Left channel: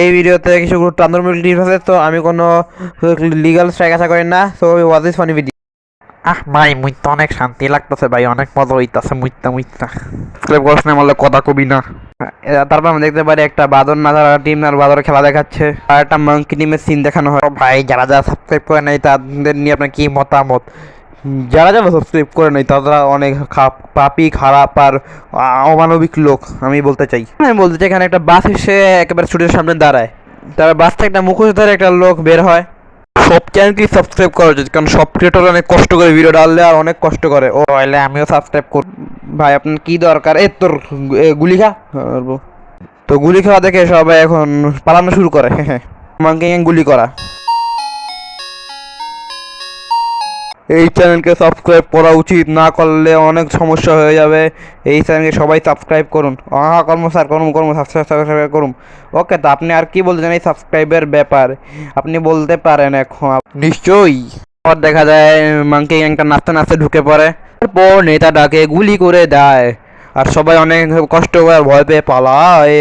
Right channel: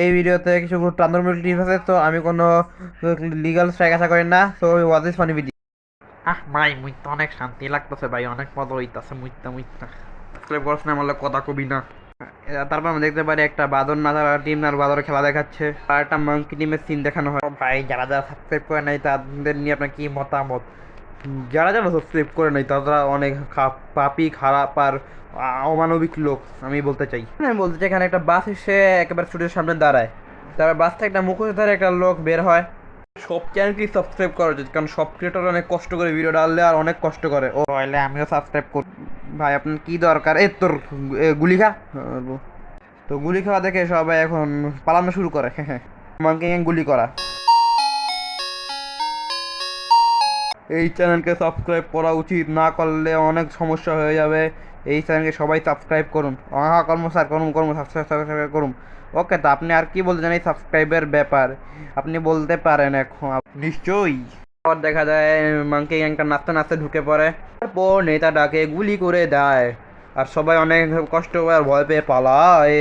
এই ভিডিওতে কিছু টান্দরমূল টিপস আছে, তো আমি কোনো লিগাল স্ট্রাইক আশা করি না। So was is funny video. ভাই মুই তো অনেক শান্তি লাগতেছে ভাই, অনেক মজা হইতাছে মুইতা মুইতা সাবস্ক্রাইব করছ না বললে কথা কবি না। তারপর আমরা দেখতে পারি একটা বাদর নাজার টিম আর বাদর খেলা দেখাচ্ছে, আর একটা মাঙ্কি টিমের সিন দেখানো হয়। তো ভাই যারা যারা সাবস্ক্রাইব করে নাই তাদের নিয়ে আপনার কি মতামত? যারা যারা সাবস্ক্রাইব করে নাই তারা অনেক পাপি, খারাপ আর অমানবিক লোক আমি বলতে চাই। আমি বলতে চাই এখানে একটা বাস এসে একেবারে স্টুডিওর সামনে দাঁড়ায়, তারপর বাস থেকে একটা মুখোশধারী একটা লোক বের হয়। সব চ্যানেলকেই সাবস্ক্রাইব করা উচিত, কারণ সব ক্রিয়েটর অনেক কষ্ট করে ভিডিও ডাললে আর অনেক কষ্ট করে। ও তাহলে আমিও সাবস্ক্রাইব করব। ভাই আপনার কি দরকার? তোর গুলি খা। তো গুলি খাওয়া দেখে সবাই এখন পালানো শুরু করে। মাঙ্কি গুলি করা। এই চ্যানেলকে সাবস্ক্রাইব করা উচিত, না করলে অনেক সমস্যা হয়ে যাবে। এই চ্যানেলকে সবাই সাবস্ক্রাইব করুন। কর্ম স্যার, কর্ম সাবস্ক্রাইব করুন। ওকে, তো আপনি আর কি বলতে চান এই সাবস্ক্রাইবের ব্যাপার? আপনি বলতে পারেন এখন। নিশ্চয়ই। পর দেখা যায় মাঙ্কি গ্যাংটা নাচতে নাচতে ঢুকে পড়ে, তারপর নেতাটাকে গুলি করে দেয় আর সবাই অনেক কষ্ট করে আর ভয় পেয়ে পালায়।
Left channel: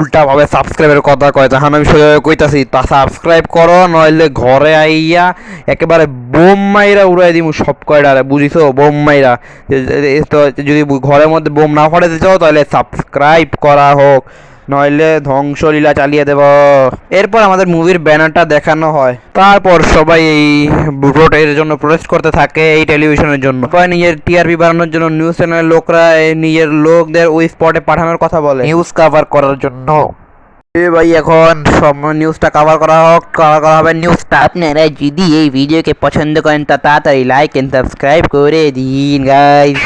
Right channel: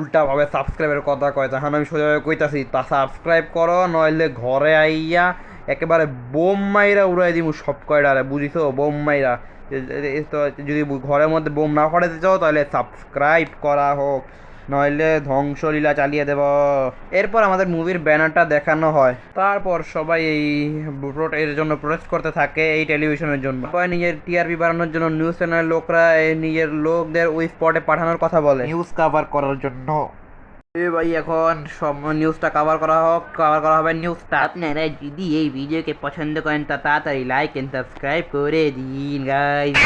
উল্টা ভাবে সাবস্ক্রাইবের কথা কয়, তখন আমি সোজা কইতাছি তা সাবস্ক্রাইব করো, নইলে ঘরে আইয়া একেবারে বোম মাইরা উড়াই দিমু সব কয়টারে, বুঝিছো? বোম মাইরা। তো যদি ঘরের মধ্যে বোম না ফাটাতে চাও তাহলে সাবস্ক্রাইব করা হোক, নইলে ধ্বংসলীলা চালিয়ে দেব। এরপর আমাদের মুভির ব্যানারটা দেখানো হয়, তারপর সবাই এই ভোটের জন্য প্রোটেস্ট করতে থাকে এই টেলিভিশনের জন্য। সবাই নিজের টিআরপি বাড়ানোর জন্য নিউজ চ্যানেলের লোকরা নিজের লোকদের ওই স্পটে পাঠানোর কথা বলে নিউজ কভার করার জন্য। ভাই এখন সব নিউজটা কভার করা হোক, কভার করা হবে নিউজটা। আপনারা যদি এই ভিডিওকে পছন্দ করেন তা তাড়াতাড়ি লাইক এন্ড সাবস্ক্রাইব করে দিন গাইস।